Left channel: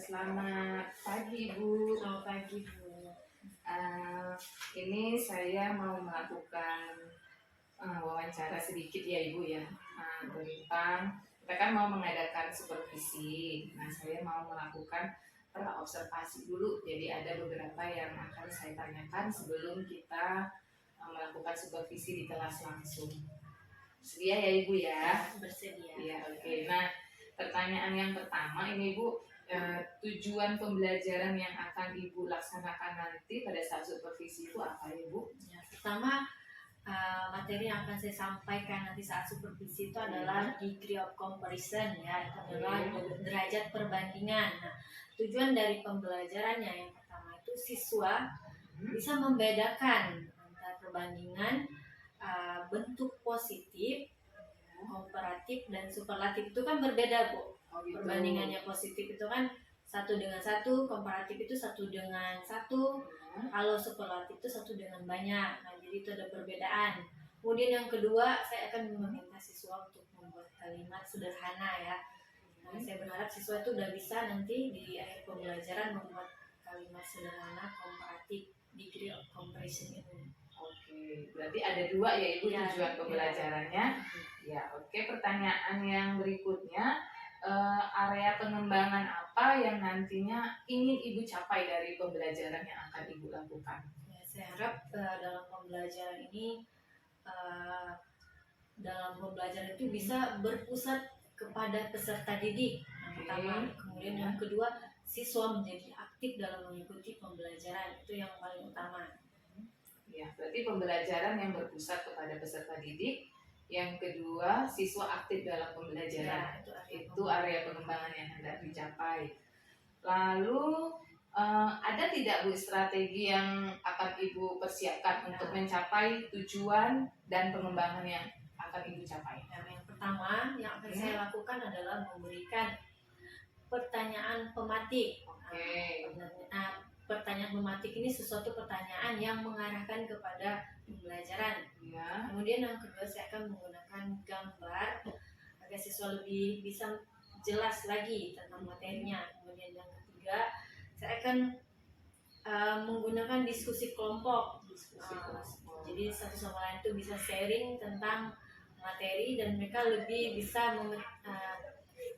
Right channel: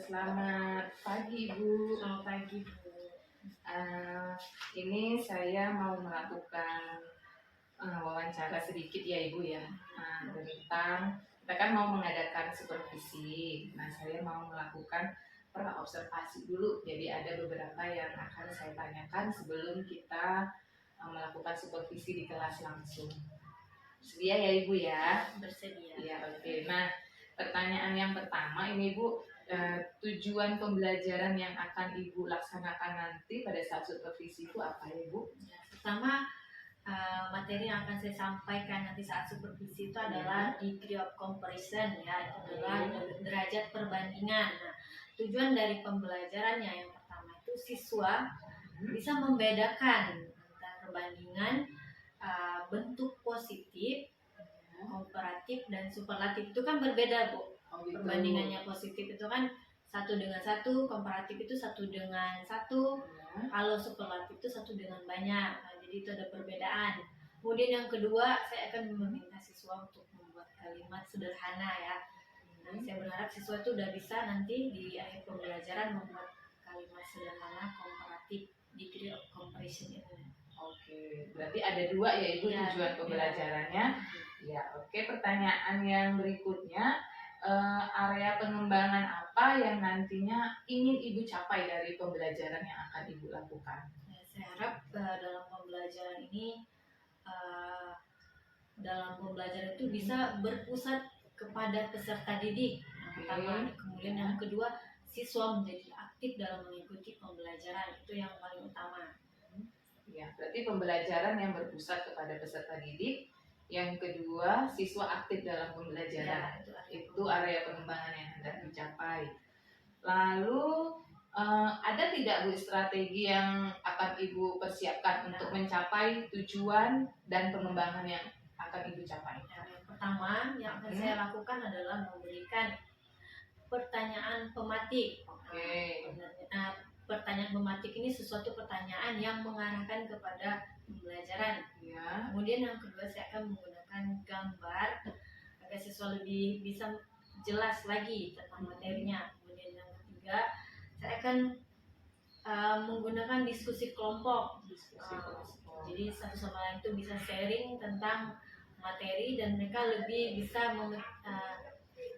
Selamat pagi Bu. Selamat pagi Bu. Ini saya mau melakukan wawancara sedikit ya Ibu ya, tentang kita kan mau mengadakan supervisi. Nah saya mau melakukan praobservasi dulu. Jadi ada beberapa yang akan saya tanyakan sebelum kita melakukan supervisi di kelas langsung. Sedia ya Ibu ya? Bersedia. Iya, oke. Nah pertanyaan yang pertama ini Bu. Tujuan pembelajaran yang akan Ibu laksanakan nanti pada saat supervisi itu apa ya Bu? Ya, pertama materi yang akan saya sampaikan nanti saat supervisi itu adalah degree of comparison ya, itu adalah derajat perbandingan. Nah, tujuan dari pembelajarannya yang pertama itu siswa bisa membedakan antara perbandingan bentuk positif, komparatif dan superlatif itu kan berbeda Bu. Gitu. Perbandingannya positif itu kan 1 dengan 1, komparatif itu 1 dengan 1, kalau superlatif itu 1 dengan banyak. Nah, jadi itu ada perbedaan. Kemudian yang kedua, saya akan meminta siswa untuk membuat kalimat sederhana ya. Nah, saya berharap siswa itu udah bisa nanti di akhir pembelajaran membuat kalimat sederhana komparatif degree of comparison itu. Oke, berarti ada 2 ya Ibu Ya, tujuan pembelajarannya. Ya, oke. Pertanyaan yang berikutnya, area pengembangan apa yang nantinya ingin Ibu capai dari pembelajaran yang akan Ibu lakukan? Ya, saya harap dalam pembelajaran ini itu bisa berpusat kepada peserta didik yang pertama. Kemudian yang kedua, siswa menjadi aktif dalam mengikuti pembelajaran, itu yang paling utama. Ya, berarti pembelajaran yang berpusat kepada peserta didik. Yang kedua, siswa aktif dalam pembelajaran. Ya, itu area pengembangan yang hendak dicapai. Lalu ada tidak Bu strategi yang akan Ibu persiapkan untuk mencapai tujuan dan pengembangan yang akan Ibu capai? Ya, yang pertama yang akan saya lakukan adalah memberikan pertanyaan pematik. Pertanyaan pematik ini sesuatu pertanyaan yang mengarahkan kepada pembelajaran. Ya. Kemudian yang kedua, saya akan menggunakan gambar agar siswa lebih bisa jelas lagi tentang materinya. Kemudian yang ketiga, saya akan menggunakan diskusi kelompok. Jadi satu sama lain itu bisa sharing tentang materi dan mereka lebih bisa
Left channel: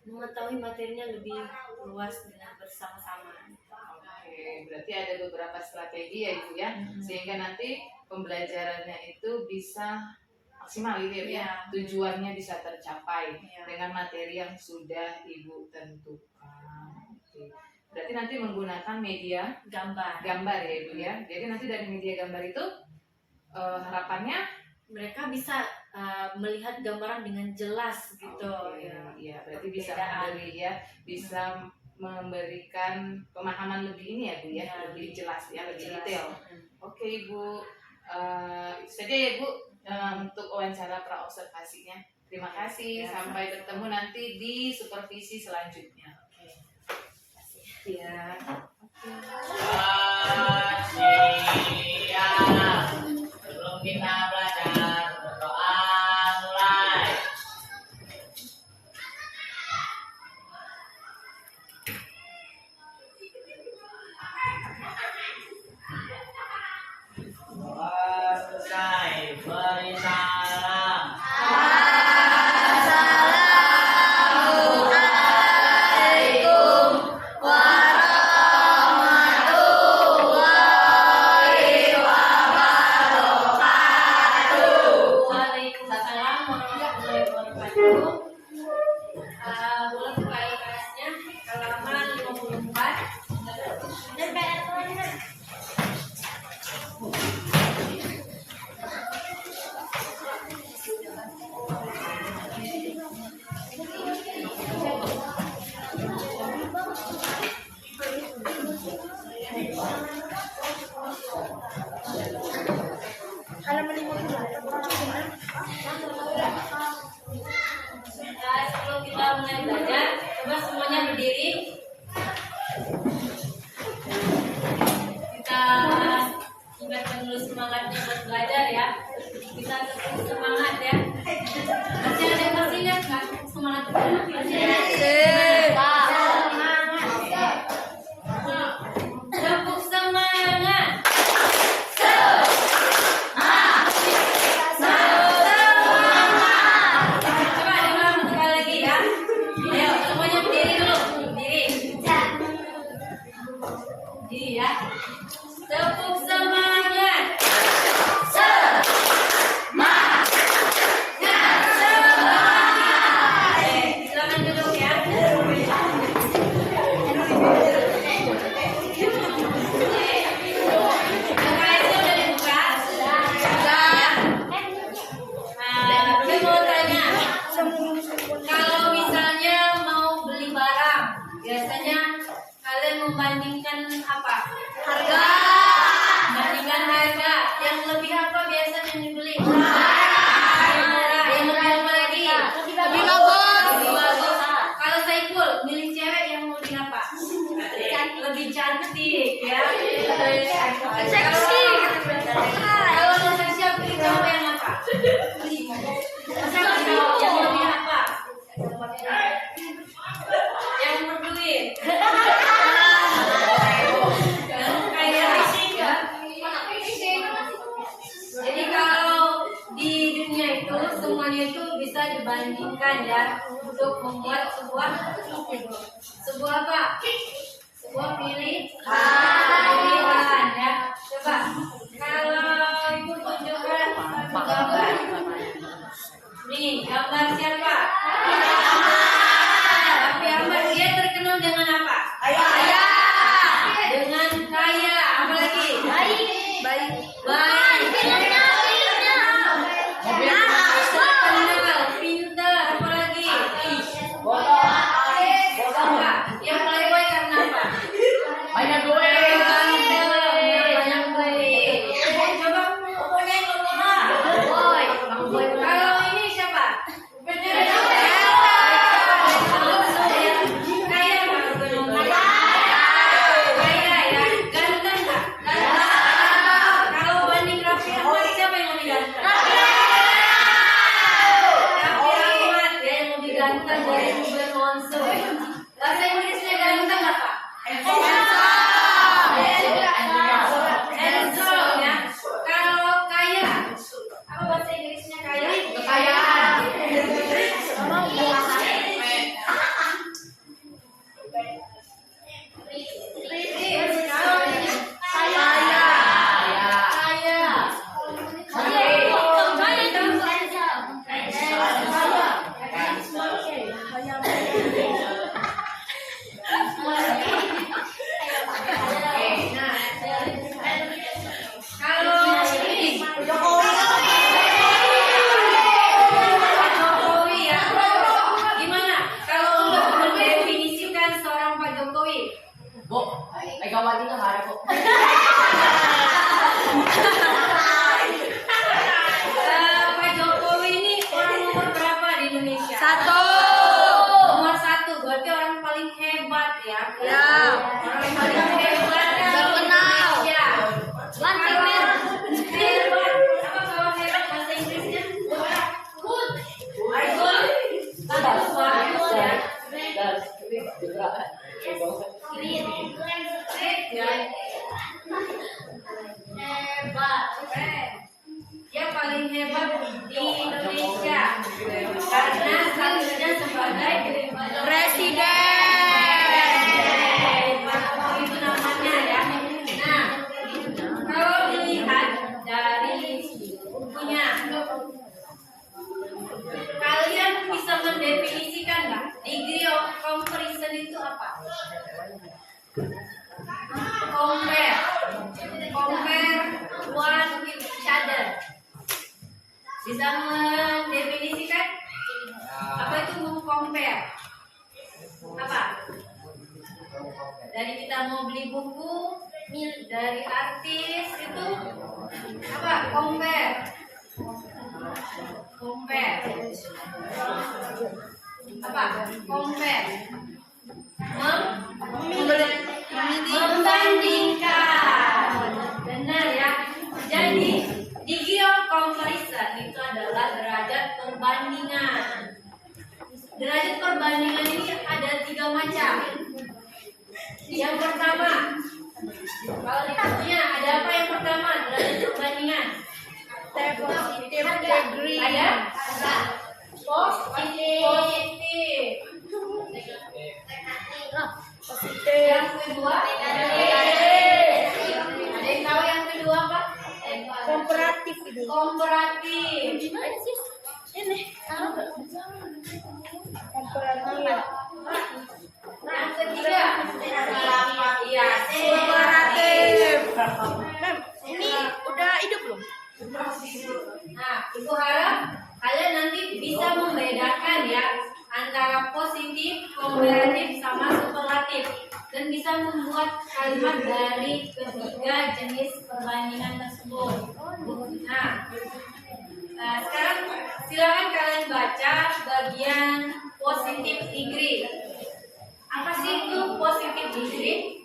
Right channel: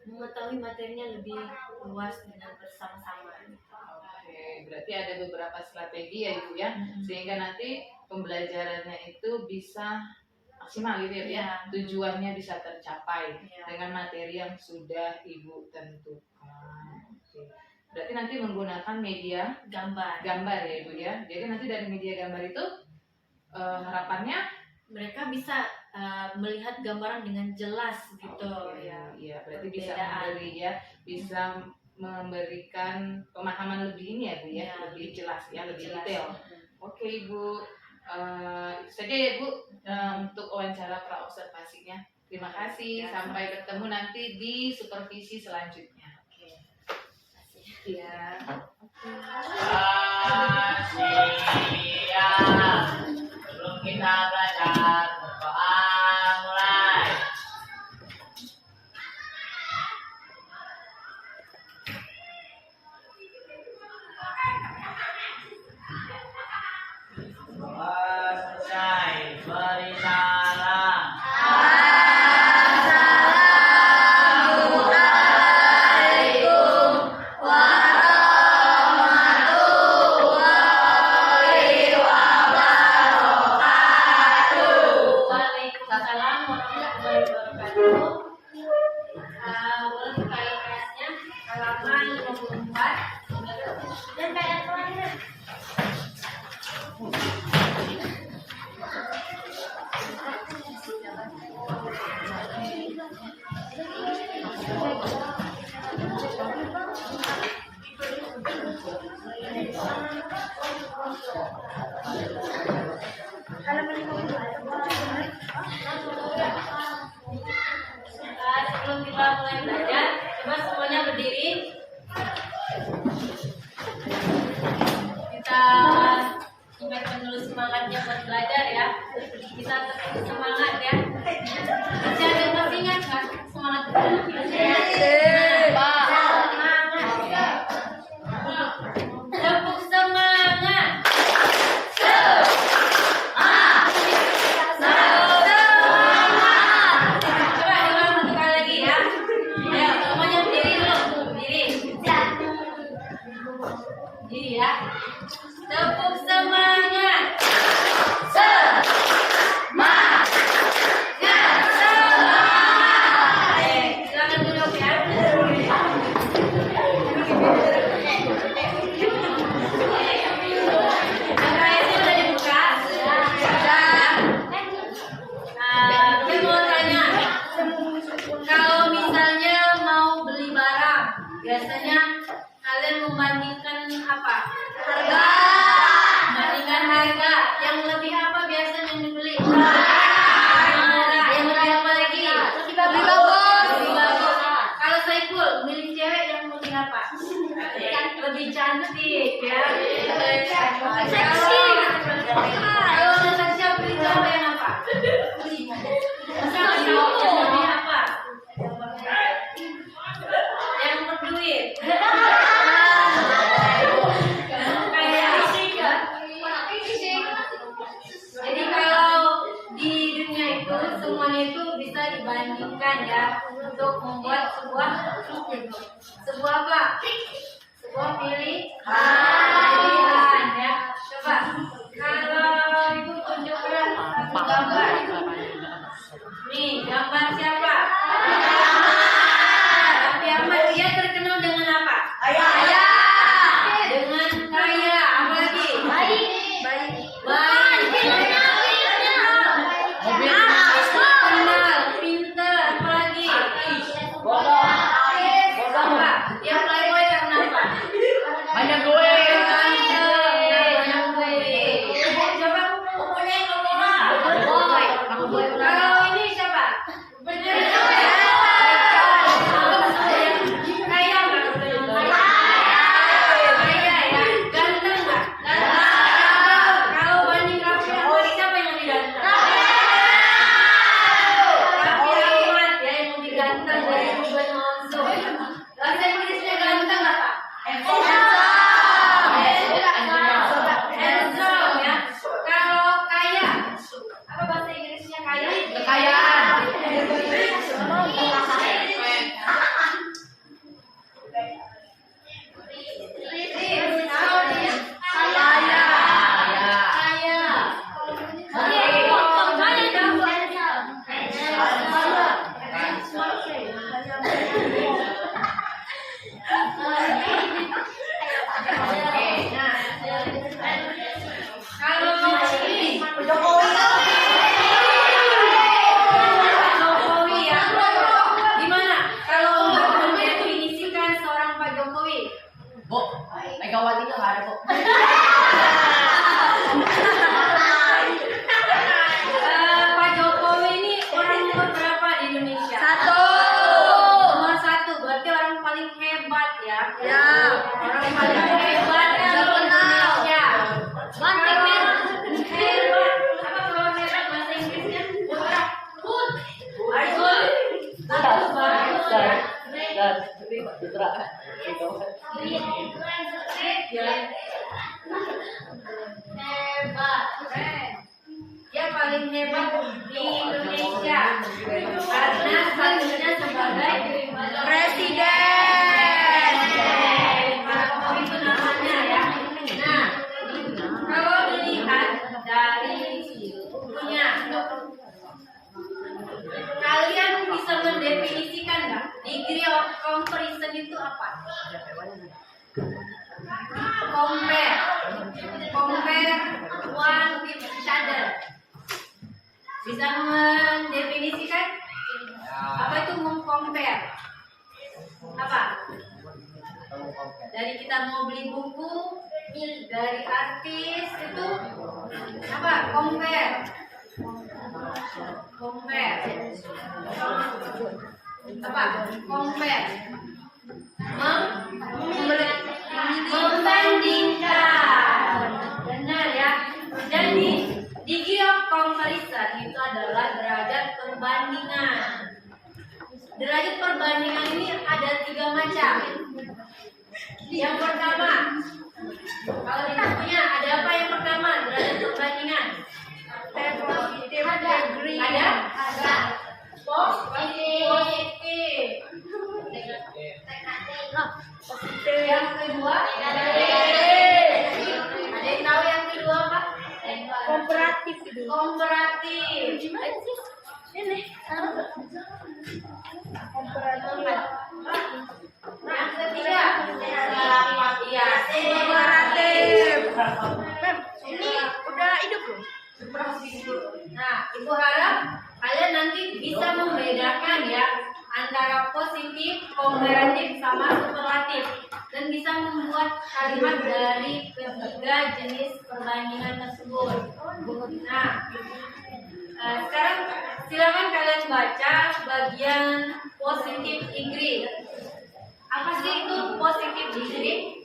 mengetahui materinya lebih luas dengan bersama-sama. Oke, berarti ada beberapa strategi ya Ibu ya, sehingga nanti pembelajarannya itu bisa maksimal gitu ya, tujuannya bisa tercapai dengan materi yang sudah Ibu tentukan. Oke. Berarti nanti menggunakan media gambar ya Ibu ya. Jadi nanti dari media gambar itu harapannya mereka bisa melihat gambaran dengan jelas gitu. Iya, berarti bisa memberikan pemahaman lebih ini ya Bu ya, lebih jelas ya, lebih detail. Oke Ibu, itu saja ya Bu untuk wawancara praobservasinya. Terima kasih, sampai bertemu nanti di supervisi selanjutnya. Oke. Terima kasih. Ya. Sebelum kita belajar berdoa mulai. Selesai, beri salam. warahmatullahi wabarakatuh. Boleh buka LKS-nya halaman 54. Dan kayak apa? Sebelum kita mulai belajar, coba semuanya berdiri. Kita ingatkan dulu semangatnya buat belajar ya. Kita tetap semangat ya. Masih ada yang masih ingat nggak semangat itu? Masih ingat? Tepuk semangat. Coba diulang satu kali lagi ya. Ayo semuanya berdiri dulu. Berdiri ya. Tepuk semangat. Silakan duduk ya. LKS-nya udah dibuka. Sudah ya. Gue mau tanya, kalau misalnya mau beli barang, biasanya kalian membandingkan apa? Harga. Membandingkan harga. Yang lebih apa biasanya yang dibeli? Yang murah. Yang murah apa lagi? Lebih bagus. Kalau Saiful milih cewek yang lebih apa? Lebih cantik ya. Kalau Natasha pilih cowok yang apa? Yang lebih apa? Yang berduit. Jadi kalau di dunia itu semuanya itu bisa dibandingkan ya untuk membuat sebuah apa? Sebuah pilihan ya. Coba kalau ibu tunjukkan satu gambar. Nih gambar siapa? Raffi Ahmad. Dia terkenal dengan apa? Kaya. Dengan kaya. Apa lagi? Baik. Terkenal, pintar, apa lagi? Apa? Yang playboy karena apa? Banyak duit. Banyak duit. Coba kalau ini siapa? Kaya nggak? Kaya ya, ganteng nggak? Kalau banding Raffi Ahmad siapa yang lebih ganteng? Raffi Ahmad ya yang lebih ganteng dari Ruben Onsu. Bahasa Inggrisnya ganteng apa? Handsome ya. Kalau kaya, apa bahasa Inggrisnya kaya? Kekayaan. mendefinisikan nggak? Degree of comparison itu apa? Compare one with each other. Bisa mendefinisikan apa itu mengcompare? Apa? Dari kita mau beli buku dari artis itu apa? Compare apa? Compare membandingkan. Benar ya. Jadi degree of comparison itu adalah derajat perbandingan. Derajat perbandingan ini ada 3 macam. Yang pertama, kalau di bukunya ada apa yang pertama? Derajat perbandingan. Ada positif. Yang kedua, ada yang tahu yang kedua apa? Komparatif. Komparatif. Ini komparatif. Yang ketiga, iya, Komparatif. Ini udah hidup belum? Nah, Ibu harap kalian nanti bisa membedakan ya antara positif, komparatif, sama superlatif dan bisa membuat kalimat dari ketiga jenis perbandingan tersebut. Nah, sekarang silakan kalian baca bagian positif degree. Apa sih itu positif degree?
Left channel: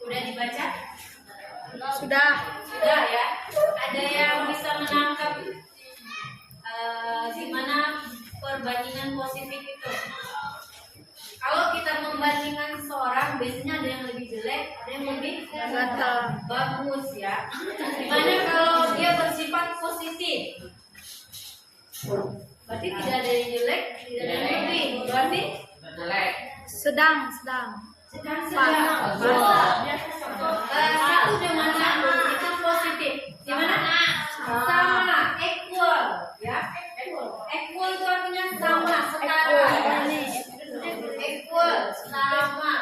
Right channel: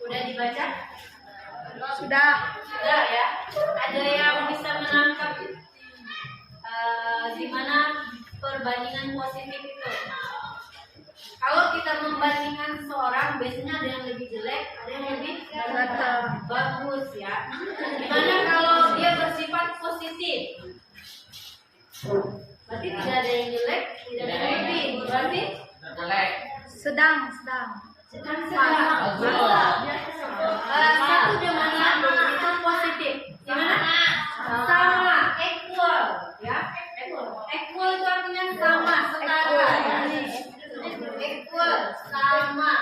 Udah dibaca? Sudah. Sudah ya. Ada yang bisa menangkap di mana perbandingan positif itu? Kalau kita membandingkan seseorang, biasanya ada yang lebih jelek, ada yang lebih bagus ya. Dimana kalau dia bersifat positif, berarti tidak ada yang jelek, tidak ada yang lebih. Berarti Sedang. sedang. Satu dengan satu itu positif. Gimana? Sama, equal, ya. Equal itu artinya sama, setara. Equal, sama.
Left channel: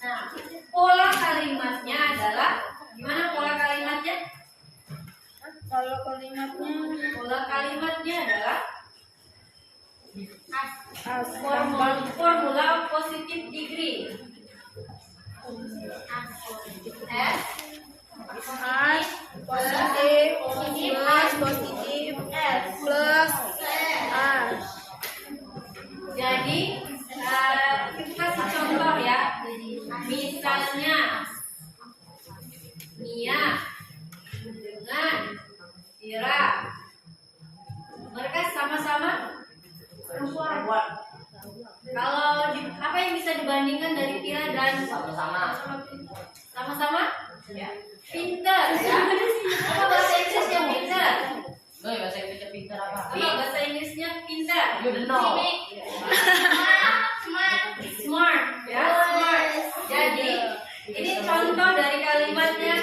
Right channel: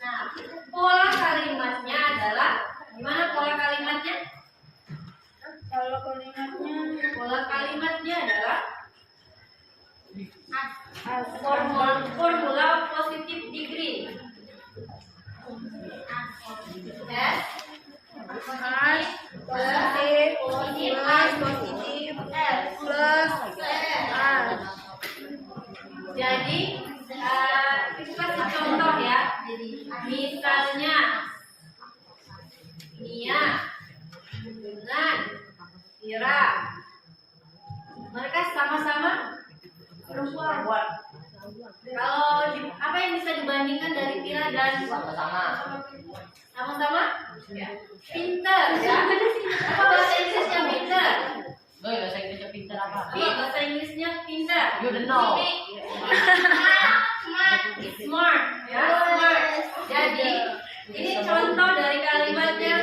Nah, pola kalimatnya adalah gimana pola kalimatnya? Pola kalimatnya adalah formula positif degree. S Positif. Plus. Jadi kita kasih contoh ya. Misalnya Mia dengan Ira, mereka sama-sama perempuan. Kalau apa yang bisa dibandingkan dari Ira dan sama-sama? Pinter ya. Apa bahasa Inggrisnya pinter? Bahasa Indonesia pintar apa? Iya, bahasa Inggrisnya pinter. You don't know. Smart ya, smart. Jadi ini contoh dari kalimatnya.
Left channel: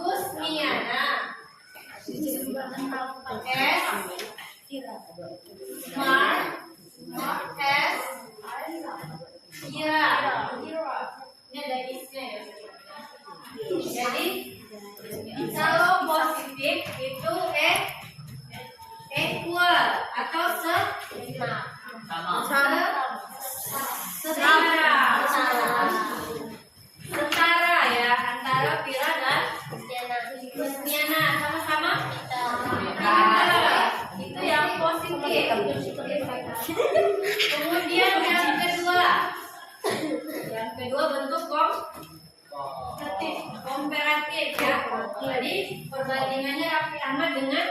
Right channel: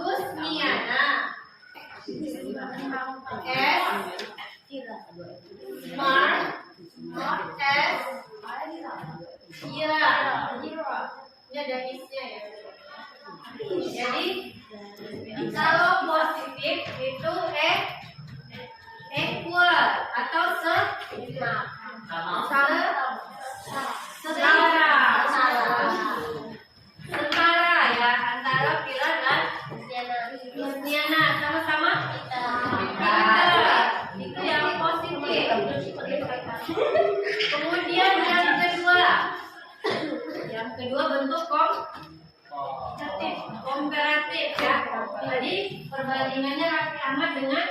Gusmiana S smart S Ira. Ini ada isnya ya. Jadi kalau positif itu equal atau setara ya antara Pira dan Gusmiana, sama-sama pintar. Itu yang positif. Kemudian yang kedua bentuk komparatif ya. Jadi perbandingannya Raffi Ahmad dengan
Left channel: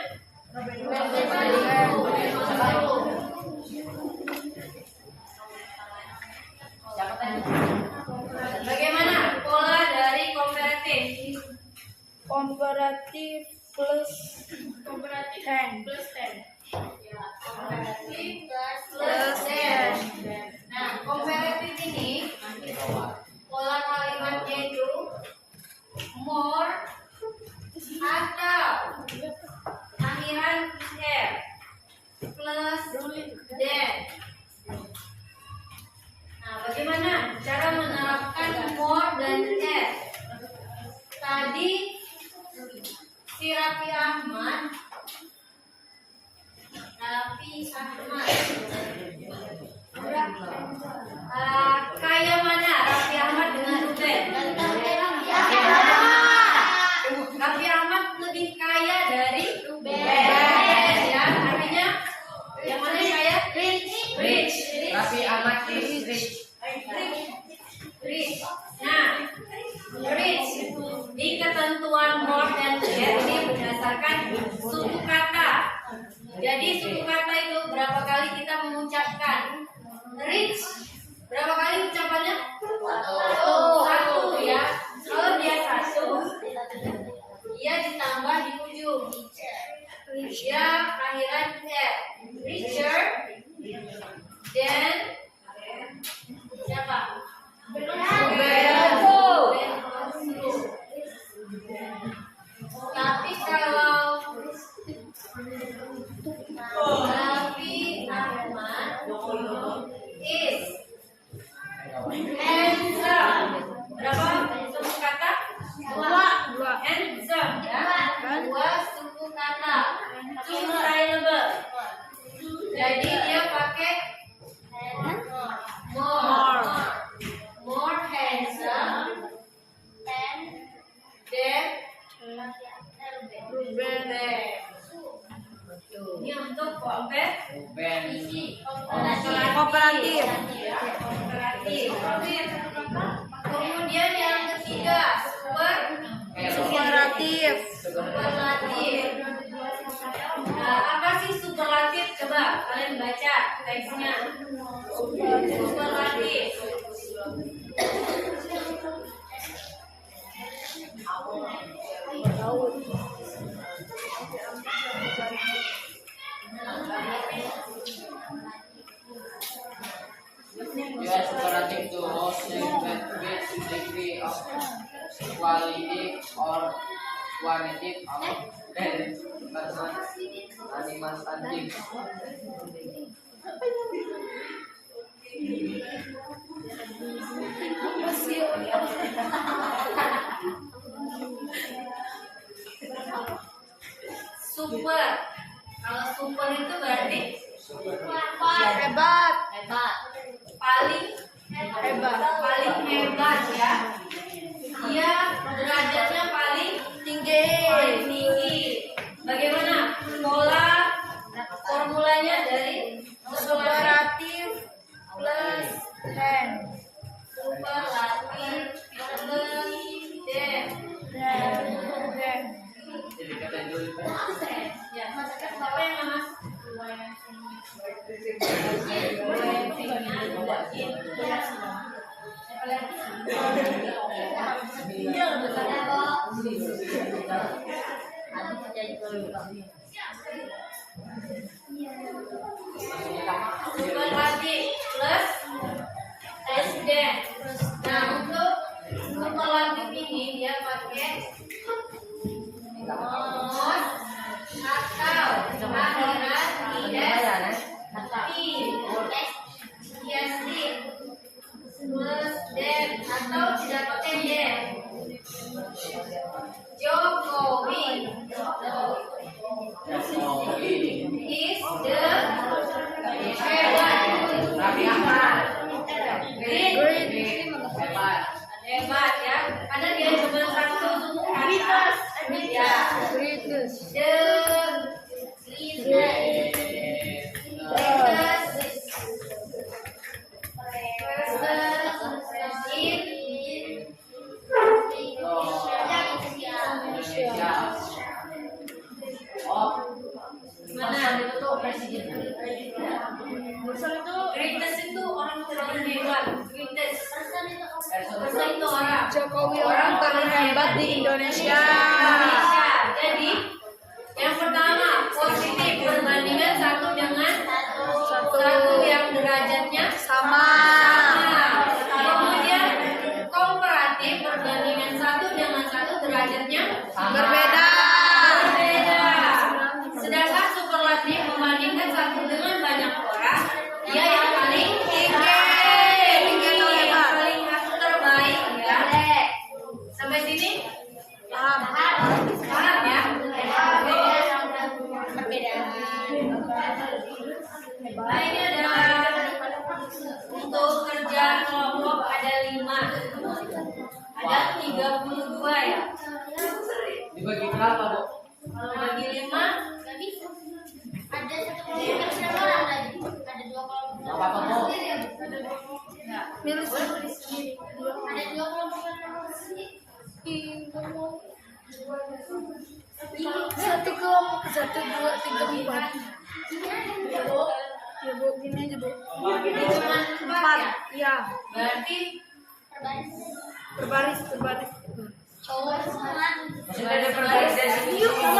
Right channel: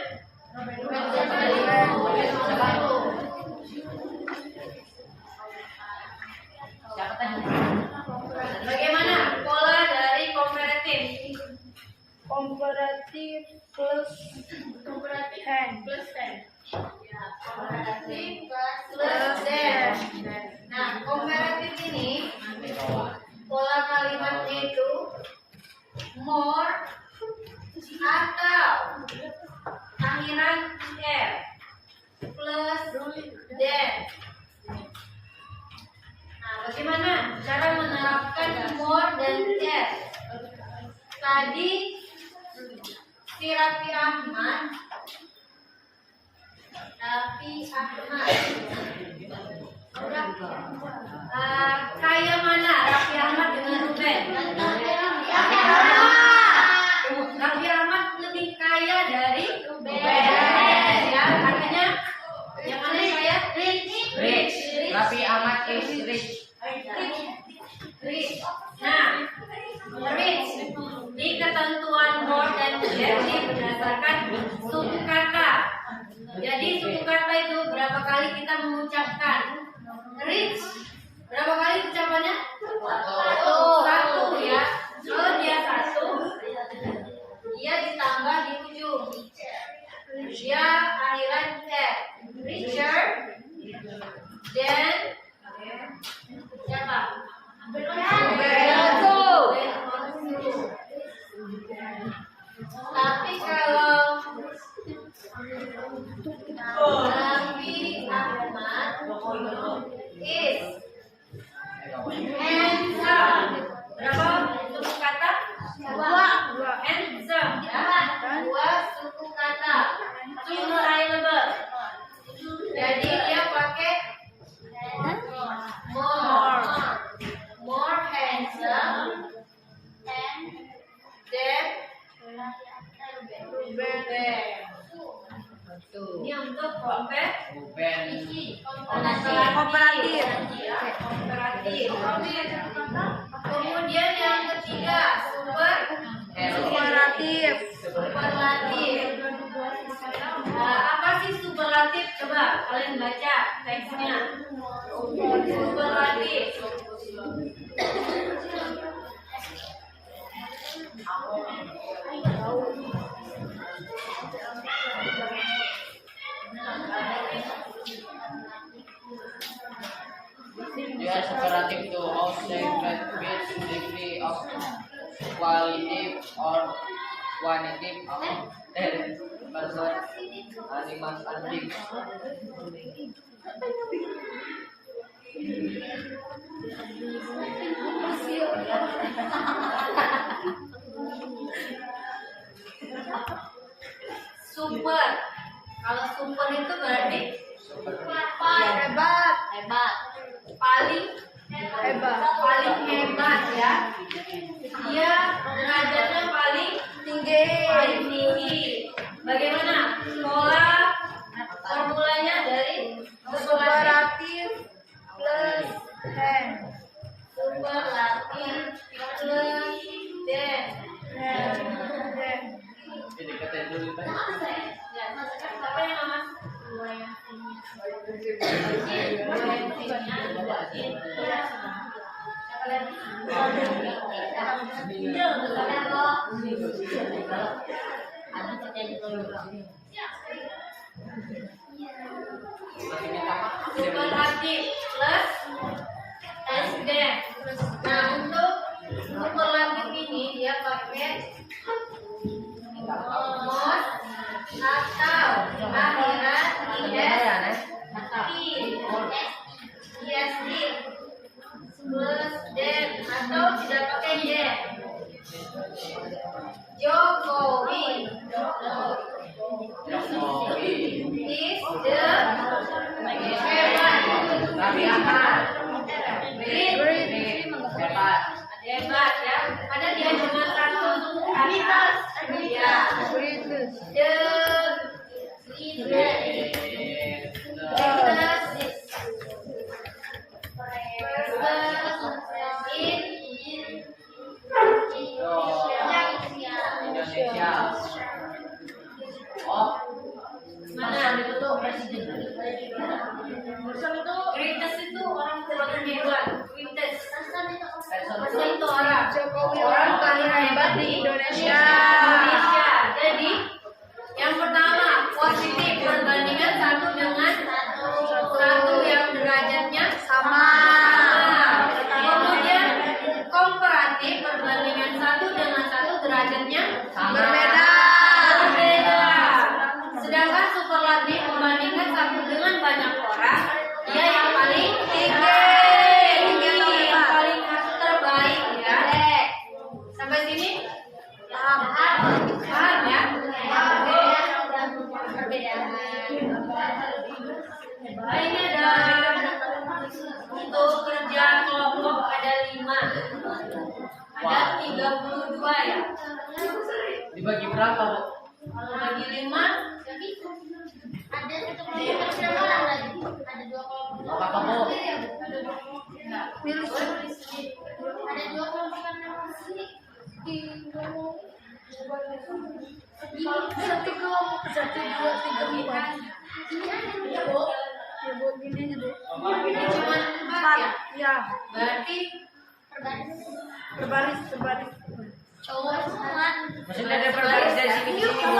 plus than. Nah, bagaimana cara menerapkan more dan as? Tadi si Raffi Ahmad udah kaya mana Raffi Ahmad dengan Ruben? Raffi Ahmad lebih kaya dari Ruben, ya, artinya yang mana yang kaya? Rich. Raffi Ahmad is rich. Rich. Nah, rich di ketentuan more dan less ini berdasarkan suku kata. Jadi suku kata itu berapa kali kita mengucapkan rich? Berapa kali ucapannya? Satu ya. Kalau dia satu, dia ditambah di ujung. Dia akhiran r. Richer dan siapa? Tapi kalau Raffi Ahmad is handsome. Berapa suku kata? Dua. Handsome ya. Dua suku kata. Two syllable. Jadi dia pakai more handsome than Ruben. Ini untuk kompetisi, kooperatif. Kemudian yang ketiga, superlatif. Nah, apa sih superlatif? Coba kalian baca teksnya. Superlatif. Dia superlative to observe with degree of quality or quantitative of talent. Person animals and things. Super. Kalau super itu berarti Hebat. paling hebat ya. Dia derajatnya paling tinggi. Bagaimana formulanya dari superlatif Plus than. superlatif plus than. Jadi kata dulu Pak. Ya, apa yang Mas? Superlatif plus S dan. Nah, untuk superlatif ini dia pakai more atau akhiran IST plus dan atau tidak pakai dan. Jokowi is the hebat ya, karena dia cuma satu suku kata ya. Greatest itu orang paling hebat. Greatest person itu orang. Jokowi orang paling hebat di Indonesia. Jadi yang pertama positif perbandingan satu dengan satu yang derajatnya sama. Kemudian komparatif perbandingan satu dengan satu derajatnya berbeda. Sedangkan superlatif membandingkan satu dengan Satu dua tiga empat. Ya bu, gini aja bu. Ini cuma 4 ya? Iya. Berarti Berbaris. Maksudnya ada berbaris dari sini ke sini.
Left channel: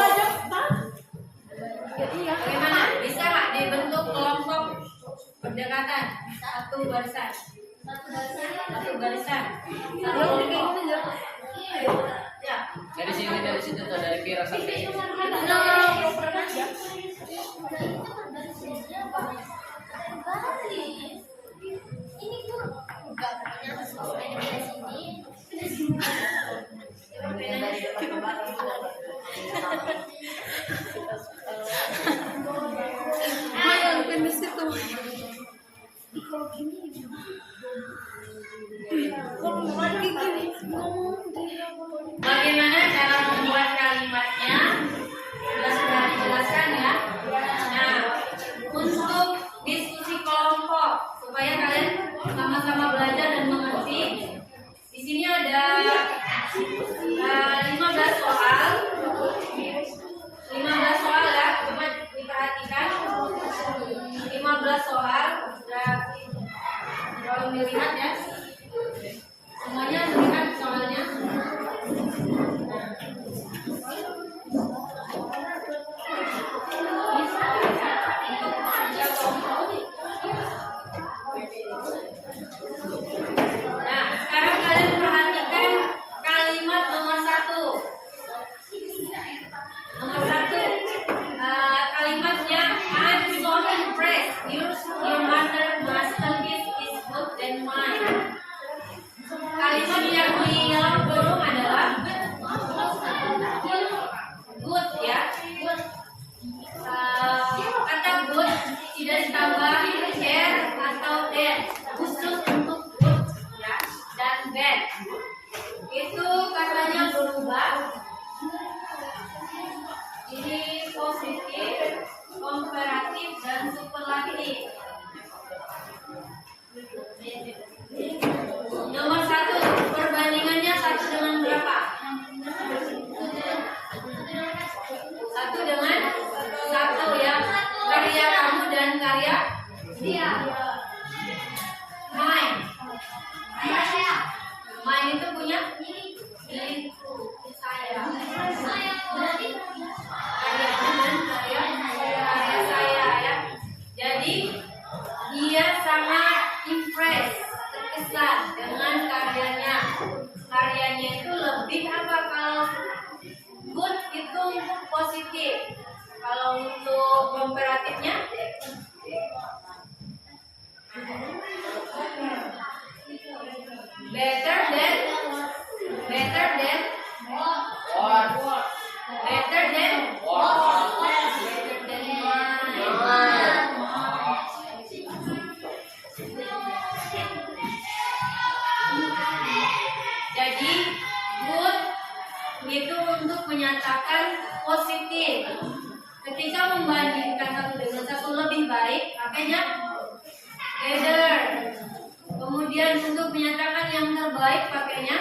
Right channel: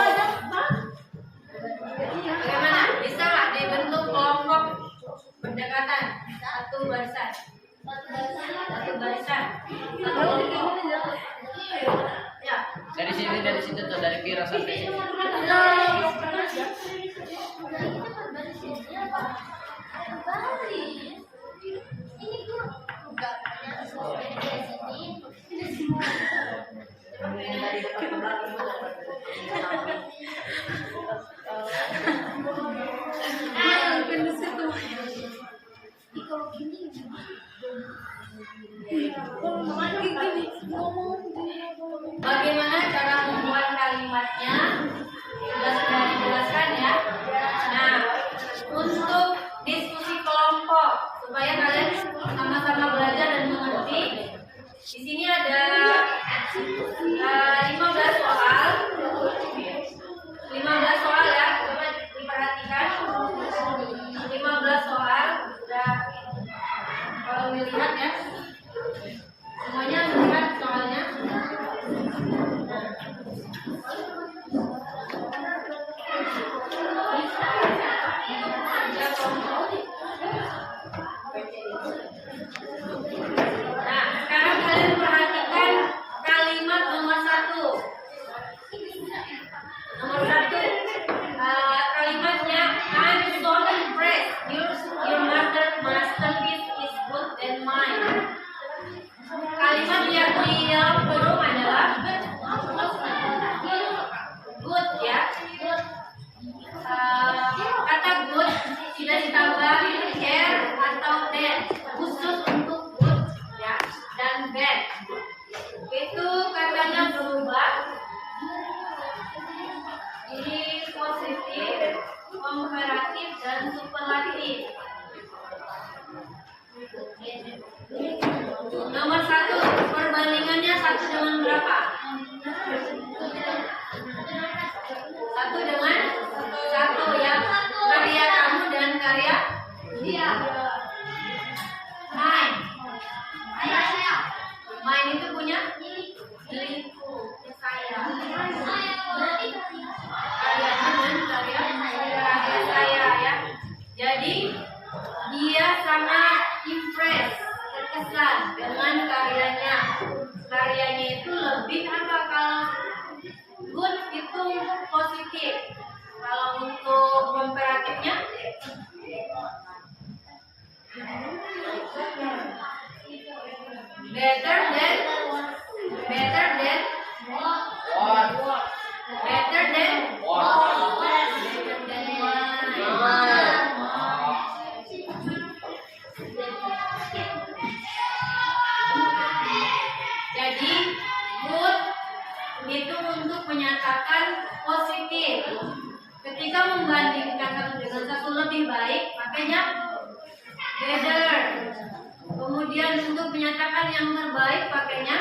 bagaimana? Bisa nggak dibentuk kelompok berdekatan? Satu barisan. Ya. Dari sini dari situ tuh dari kira sampai sini. Mungkin di situ. Bagaimana cara membuat kalimatnya? Sudah dijelaskan ya. Nah, untuk diskusi kelompok supaya kalian sama-sama belajar dan mengerti. Di sini ada 15 soal. 15 soal ya, coba diperhatikan. 15 soal sudah kalau melihat ya. Semuanya melihat soalnya. Nah, sekarang kalian perhatikan kalimat nomor 1. Nomor 1, kalimatnya I'm so impressed. Your masterpiece is good than mine. Kalimat yang kurung adalah good ya. Kata good tidak ditambah er atau den, khusus untuk good ya, dan bad itu katanya berubah. Ini positif, komparatif, dan superlatif. Nomor 1, perbandingannya 1 dengan berapa? 1 dengan 1 ya. Karya kamu dan karya dia. Mine. Mine itu punya milikku, saya. Karya kamu dan karya saya ya. Jadi dia sangat impress, terkesan dengan karyanya. Karyanya itu lebih apa kalau good itu positif. Kalau untuk komparatifnya better than jadi good itu untuk menyatakan positif. Ketika membandingkan satu dengan satu lebih baik, makanya better. Kemudian untuk menyatakan yang terbaik, pakainya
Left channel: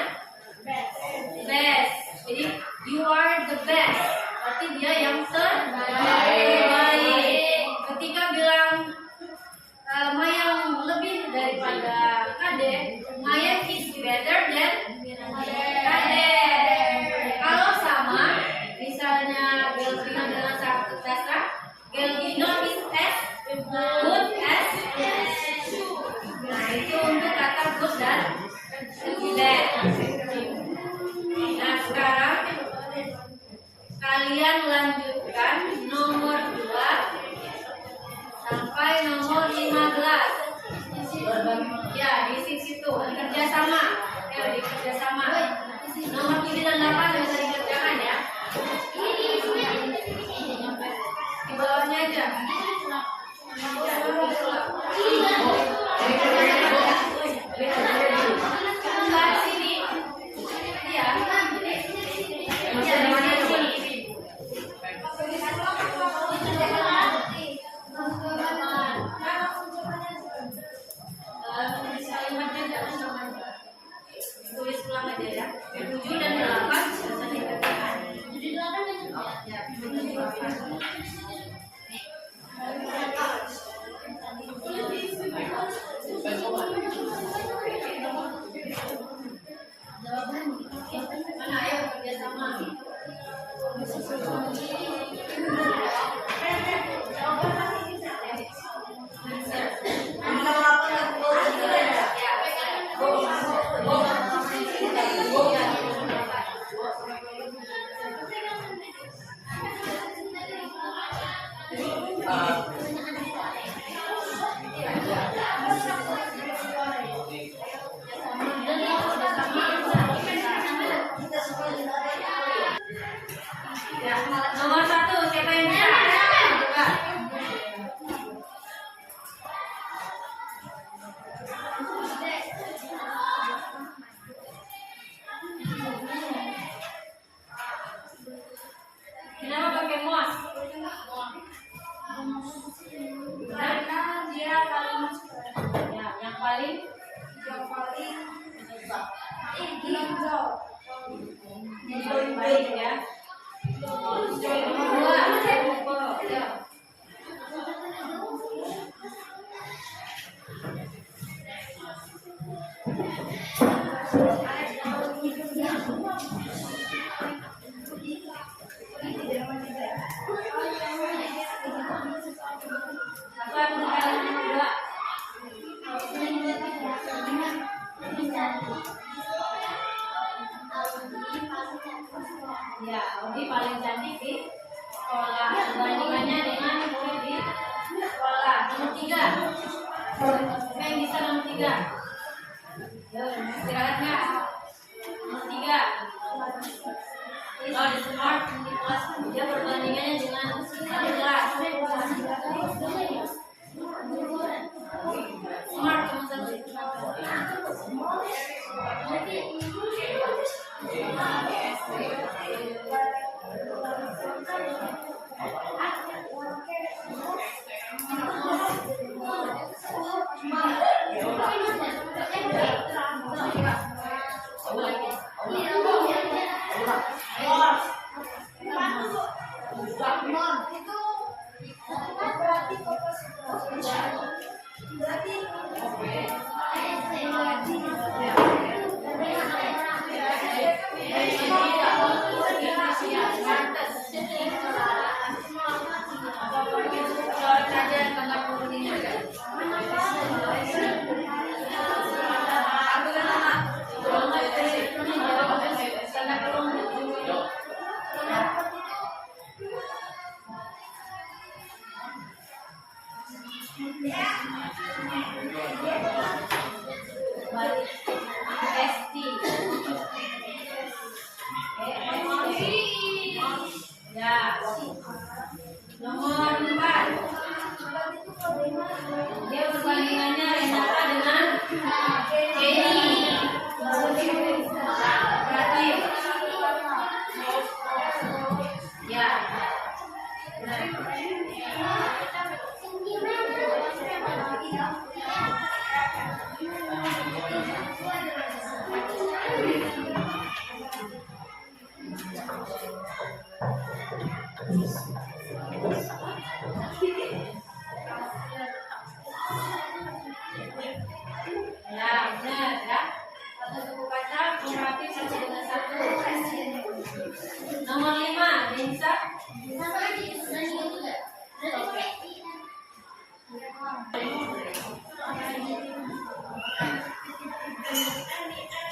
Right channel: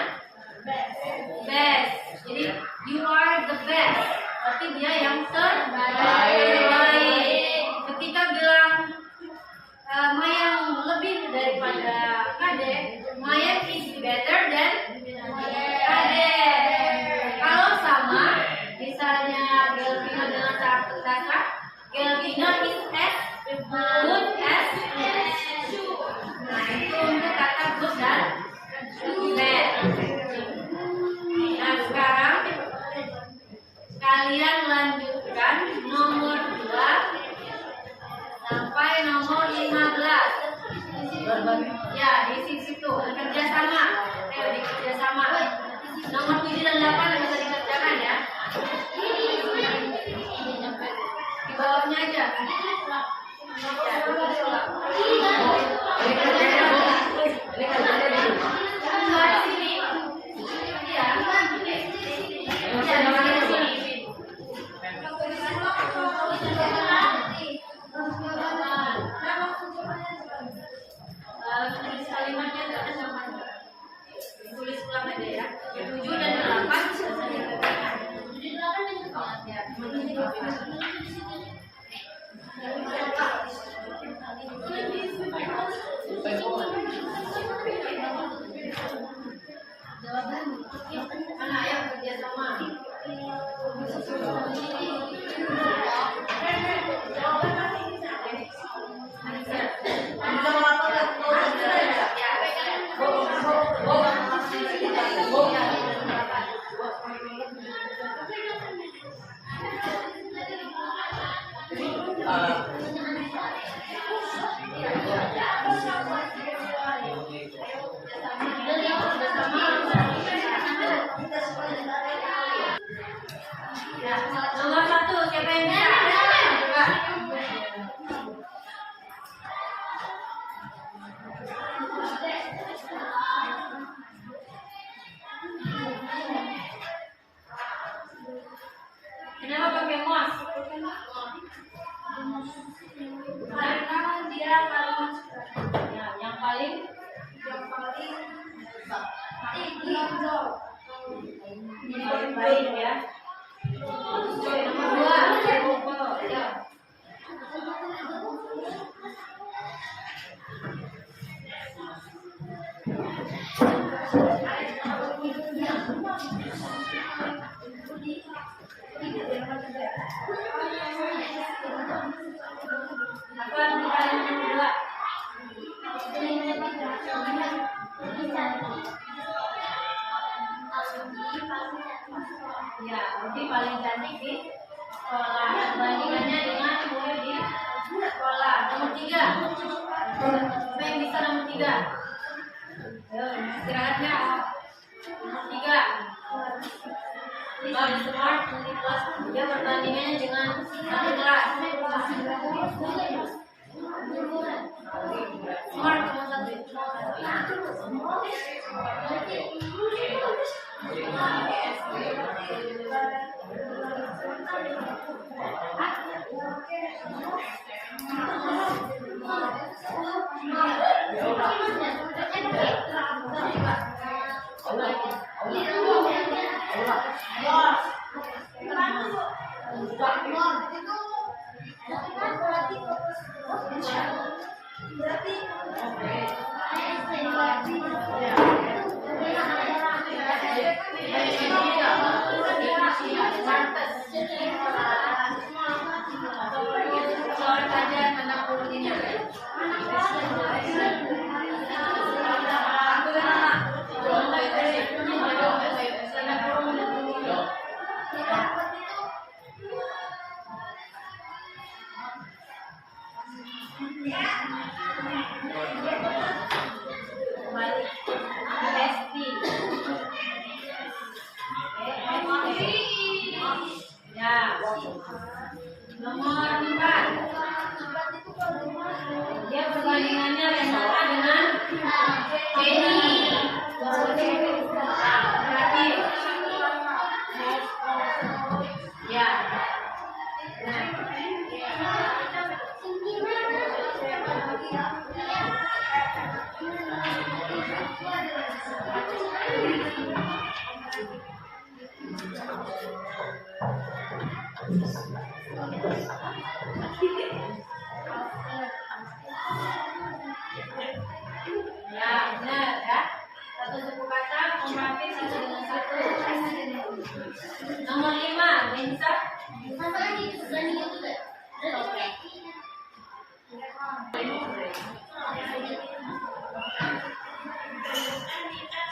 best. Jadi you are the best. Berarti dia yang terbaik. Ketika bilang Mayang lebih daripada Kade, Mayang is better than Kade. Kalau sama, misalnya Gelvino dengan Sartasa, Gelvino is as good as. Nah itu untuk kata good dan bad. Nah sekarang kalian lanjutkan nomor 2 sampai nomor 15. Ya di situ kerjasama. Di kerjasama. Nomor 7 dan 8 bisa dikerjakan ya. Di bawahnya aja. Tulis ulang aja ya. 7 dan 8 bisa dikerjakan. Jadi paling baik ya. Nomor 2, ya. Apa yang nomor 2? Ya, Audi paling cantik di sekolah. Bandingannya dengan murid di sekolah. Nomor 3. Siapa yang bisa nomor 3? Yo, istirahat nggak? Nomor 3. Kalau di smart di kelas dia perbandingannya dengan adik kelas. Smart cuma 1. Ya, nomor 4. Dia perbandingannya Renata dengan Jenny. Kreatif. Ya. Ya, benar ya. Satu suku kata komparatif satu dengan satu. Nomor 5, Denisa.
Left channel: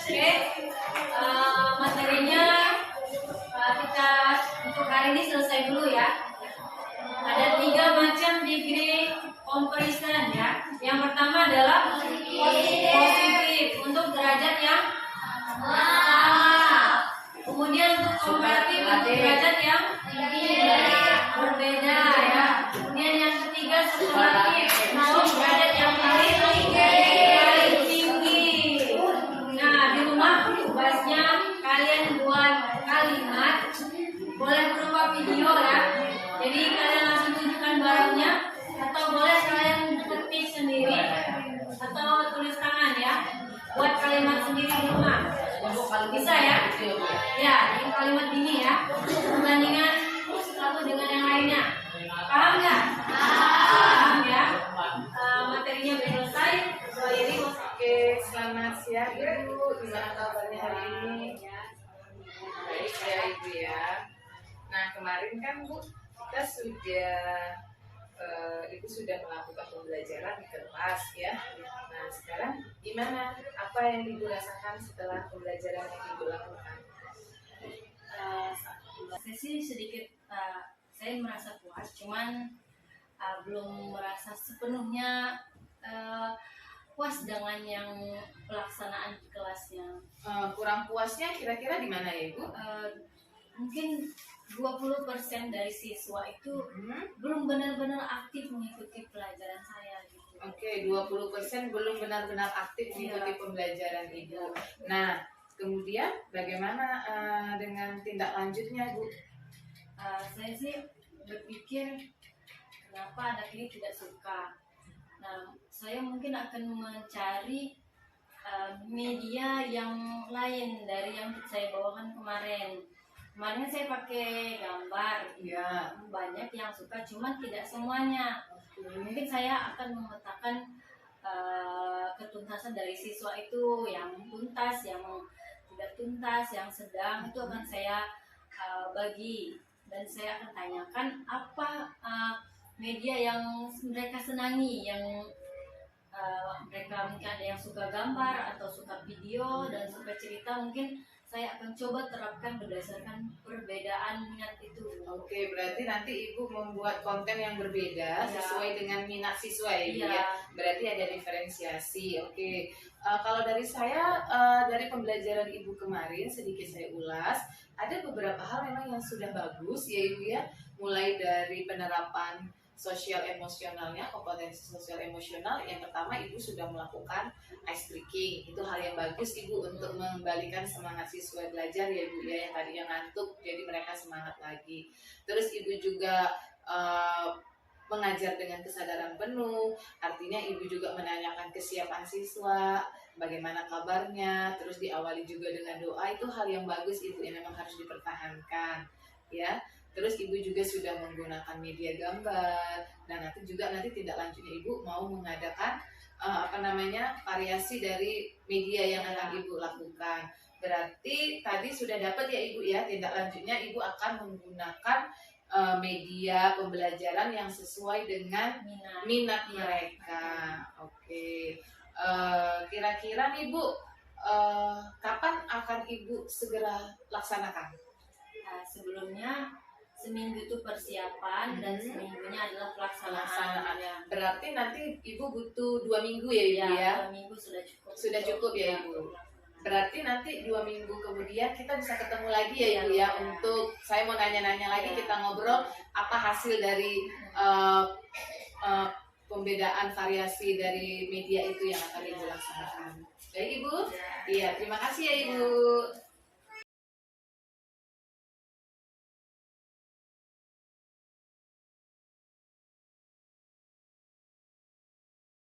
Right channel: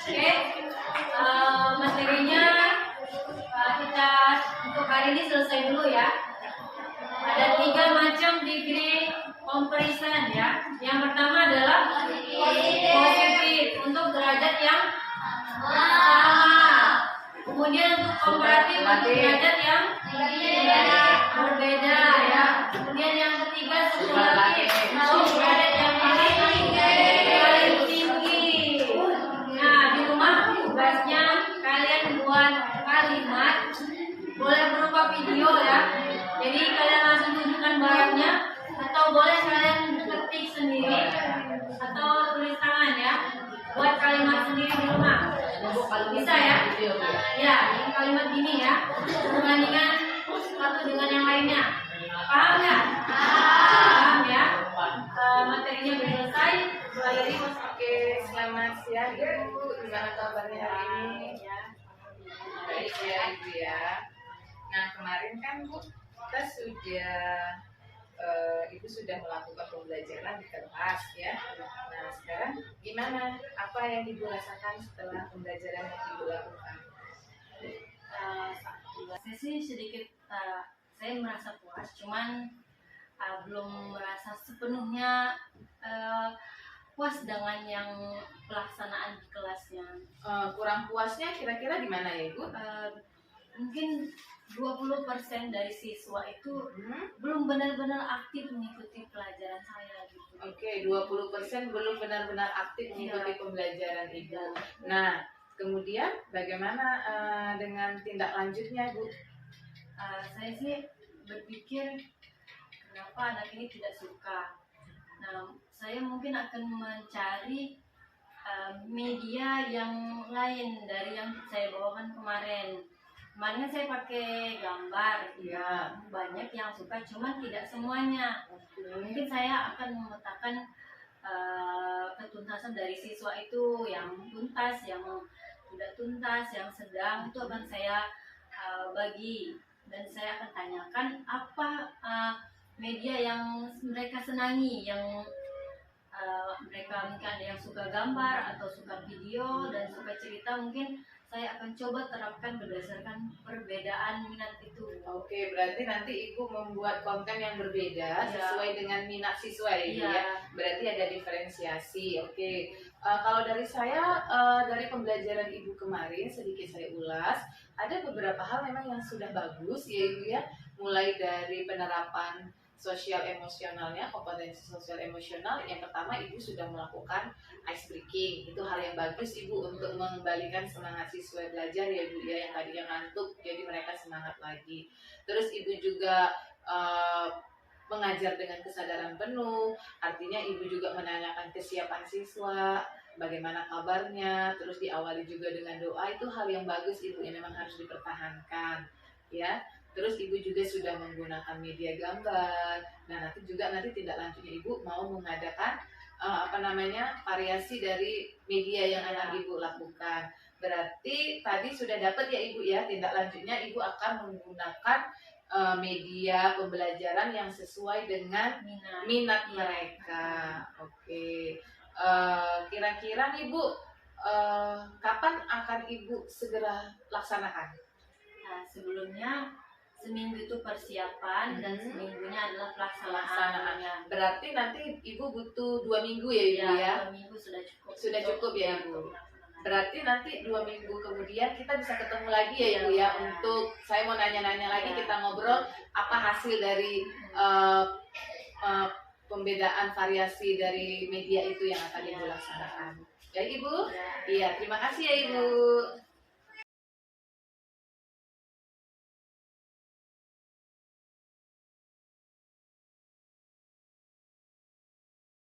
Oke, materinya kita untuk hari ini selesai dulu ya. Ada 3 macam degree comparison ya. Yang pertama adalah positif untuk derajat yang sama. Kemudian untuk komparatif untuk derajat yang berbeda ya. Kemudian yang ketiga superlatif untuk derajat yang paling tinggi. Nah, di rumah tugasnya kalian buat kalimat, boleh berupa video ya. Jadi kalian langsung tunjukkan barangnya, atau boleh kalian ketik sendiri atau tulis tangan ya. Buat kalimat sendiri di rumah. Bisa ya? Ya, ini kalimat ini ya. Perbandingan satu dengan yang lainnya. Paham nggak? Paham ya? Materinya sudah selesai. Jadi Oke, selamat siang Ibu. Gimana kabarnya hari ini? Baik ya Ibu ya. Nah kemarin kan Bu, kita Ibu sudah melakukan pembelajaran di kelas ya. Nah sekarang gimana? Apa yang Ibu rasakan setelah pembelajaran yang Ibu lakukan? saya sih sedikit saya merasa puas, cuman belum merasa sepenuhnya puas dengan yang pelaksanaan di kelasnya. Kurang puasnya kira-kira di mana ya Ibu? Mungkin 20% dari siswa itu belum benar-benar aktif mengikuti pelajaran saya gitu. Oke, 20% belum benar-benar aktif mengikuti pembelajaran Ibu. Nah, kemudian bagaimana dengan tindak lanjutnya, Bu? Saya sih berpikir kenapa anak ini tidak suka. Nah, saya mungkin akan mencari media yang lain dari yang saya bawakan kemarin. Kemarin saya pakai gambar, Iya. banyak yang suka, cuman tidak semuanya. Mungkin saya akan memetakan ketuntasan dari siswa itu, yang tuntas, yang tidak tuntas, yang sedang, itu akan saya bagi, dan saya akan tanyakan apa media yang mereka senangi, yang mereka mungkin ada yang suka gambar atau suka video dan suka cerita, mungkin saya akan coba terapkan berdasarkan perbedaan minat itu. Oke, berarti nanti Ibu membuat konten yang berbeda sesuai dengan minat siswa ya, Ibu ya. Berarti ada diferensiasi. Oke. Kalau dari saya, dari pembelajaran Ibu kemarin sedikit saya ulas, ada beberapa hal memang yang sudah bagus ya Ibu ya. Mulai dari penerapan sosial emosionalnya, kompetensi sosial emosional. Yang pertama, Ibu sudah melakukan ice breaking. Itu hal yang bagus Ibu untuk mengembalikan semangat siswa belajar ya Ibu ya, yang tadinya ngantuk jadi mereka semangat lagi. Terus Ibu juga mengajar dengan kesadaran penuh, artinya Ibu juga menanyakan kesiapan siswa, bagaimana kabarnya, terus diawali juga dengan doa. Itu hal yang bagus Ibu yang memang harus dipertahankan ya. Terus Ibu juga sudah menggunakan media gambar. Dan nanti tindak lanjutnya Ibu mau mengadakan variasi dari media yang akan Ibu lakukan. Berarti tadi sudah dapat ya Ibu ya, tindak lanjutnya Ibu akan menggunakan media pembelajaran yang sesuai dengan minat mereka. Oke. Kira-kira nih Bu, kapan akan Ibu segera laksanakan? Nah, sebelumnya seminggu itu persiapan dan seminggunya adalah pelaksanaan. Berarti nanti Ibu butuh 2 minggu ya Ibu ya? 2 minggu sudah cukup. Sudah cukup ya Ibu. Berarti nanti 2 minggu kemudian kita bisa ketemu lagi ya Ibu ya, untuk saya mau nanya-nanya lagi, kita ngobrol apa hasil dari pembedaan variasi dari media itu yang akan Ibu laksanakan. Ya Ibu? Iya, terima kasih ya Ibu.